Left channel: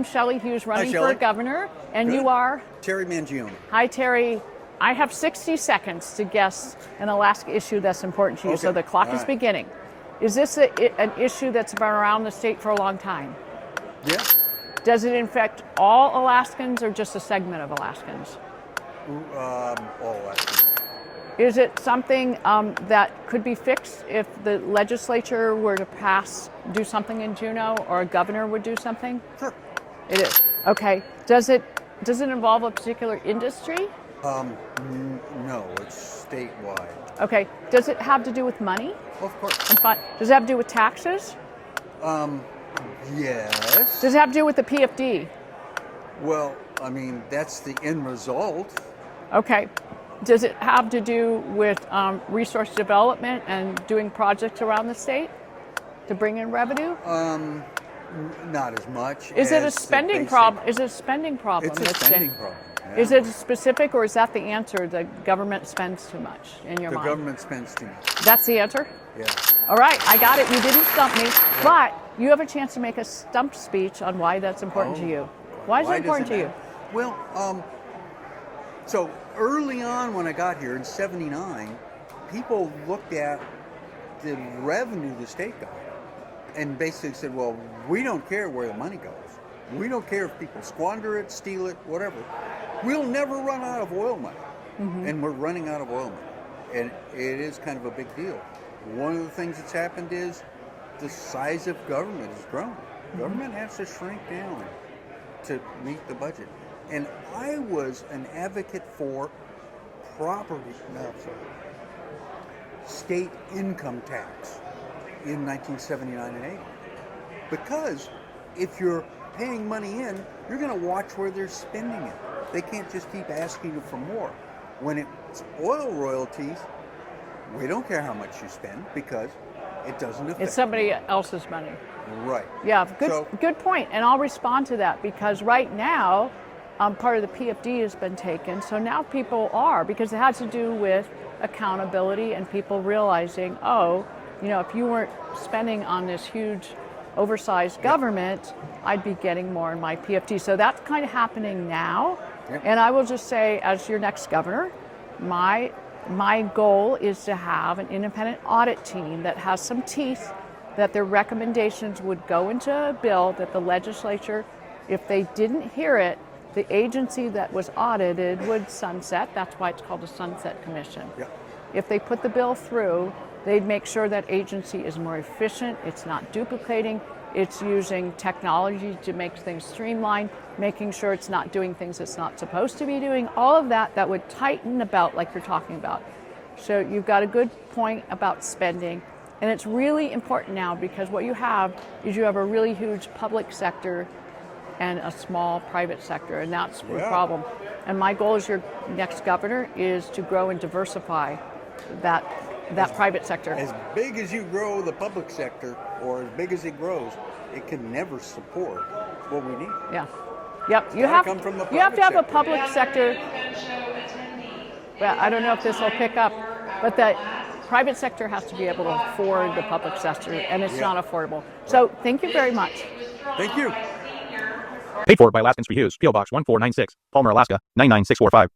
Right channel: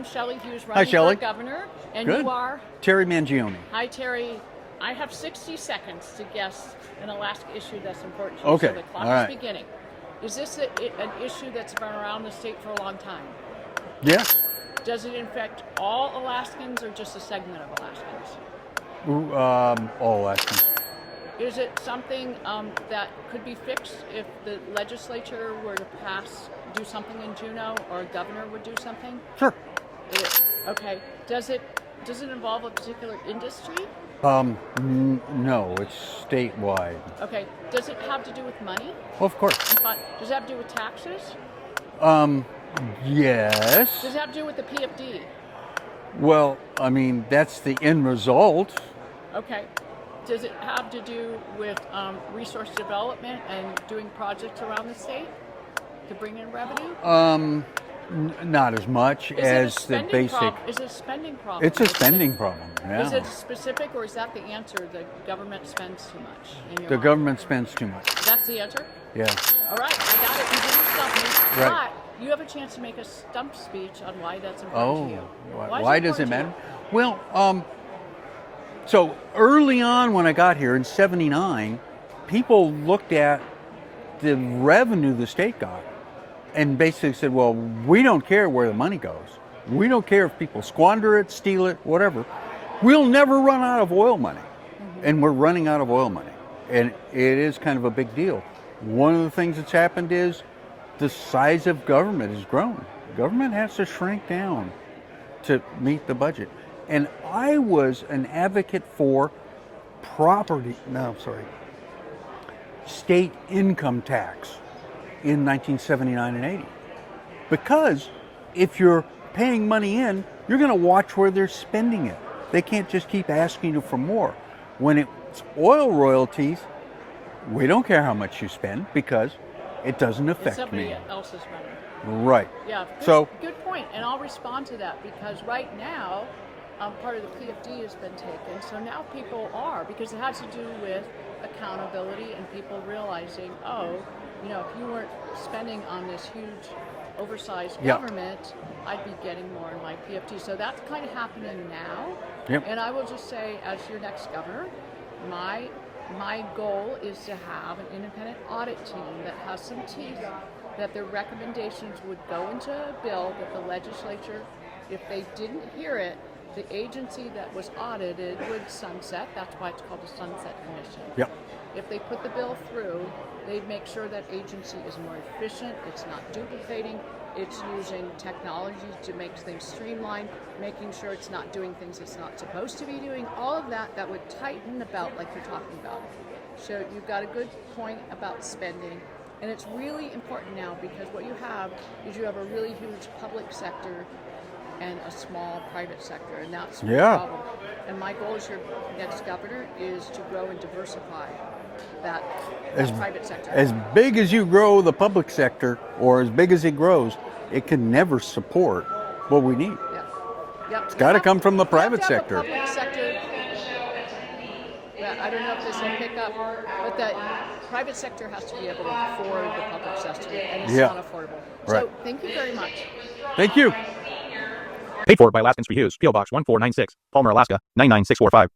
I'm Shelley Hughes, running Shelley. for governor, and Good. you are? Terry Mangione. Hi, Terry. I have 60 seconds to guess an Alaska issue that's important to you, Okay. so the clock All is right. beginning. Is this an issue that's been around the state for a long time? Yeah. Does it infect all Alaskans or just a segment of Alaskans? All Alaskans. Is it something that could be fixed if the legislature were to do something in Juneau, or a governor would do something? Sure. It is. Okay. Does it involve a particular industry? No, it's statewide. Okay. Does it have to do with money? Well, of course. Does it have to do with taxes? Yes. Does it have to do with the PFD? Well, I mean, that's the end result. Okay. Does it have to do with resource development and doing projects around the state to bring in revenue? Not as much Is as it a spending the basic. problem? Is it a spending problem? It's a spending problem. Yeah. Is it specific, or is that the answer? The government spends too much in your The mind? government spends too much. That's the answer? Yeah. All right, I got it. You didn't stump me. Right. But you have a chance to make a stump speech on why that's important to you. Why is it does important it to matter? you? Well, so early on when I got here in '79, people looked at the revenue the state got and basically said, well, we don't care where the money goes. We don't care if people squander it, steal it, whatever. We'll never run out of oil money. Mm-hmm. And we're running out of oil money. And it is kind of a big deal. One of the things that's happened is the size of government has grown. Government has to shrink down to meet the budget. And I was an advocate for state income tax in 1979 and 80. Because if you're paying money in, you're going to watch where they're spending it. They can't just keep asking you for more. When it's oil royalties, we don't care how much you spend because it doesn't affect It's somebody me. else's money. Right. Yeah, good point. And I'll respond to that because right now, part of the PFD has been taken. So now people are, because it has to do with accountability and people realizing, if you weren't spending on this huge oversized government, I'd be getting more in my PFD. So that's kind of happening now. Yep. And I will just say, as your next governor, my goal is to have an independent audit team that has some teeth, that their recommendations would go into a bill that the legislature, if they didn't hear it, the agency that was audited would sunset. That's why it's called a sunset commission. Yep. If they put the bill through, they'd make sure that agency is more efficient, it's not duplicating, it's using technology to make things streamlined, making sure it's not doing things it's not supposed to be doing, all of that would tighten the belt like you're talking about. So you've got a good point about spending, and it's really important now because what you have is you have a really huge public sector and a small private sector, and that's the problem. And my goal as your next governor is to grow and diversify that private sector. As big as you grow the public sector, or as big as it grows, it can never support what we need. Yeah. Yep. It's got to come from the private sector. You have sector. to have a public sector. Well, I don't know if this will pick up, but the private sector has to be able to afford the public sector, and it's not affordable. Right. So thank you very much. Thank you. Paid for by Alaskans for Hughes, P.O. Box 1496, Palmer, Alaska 99645.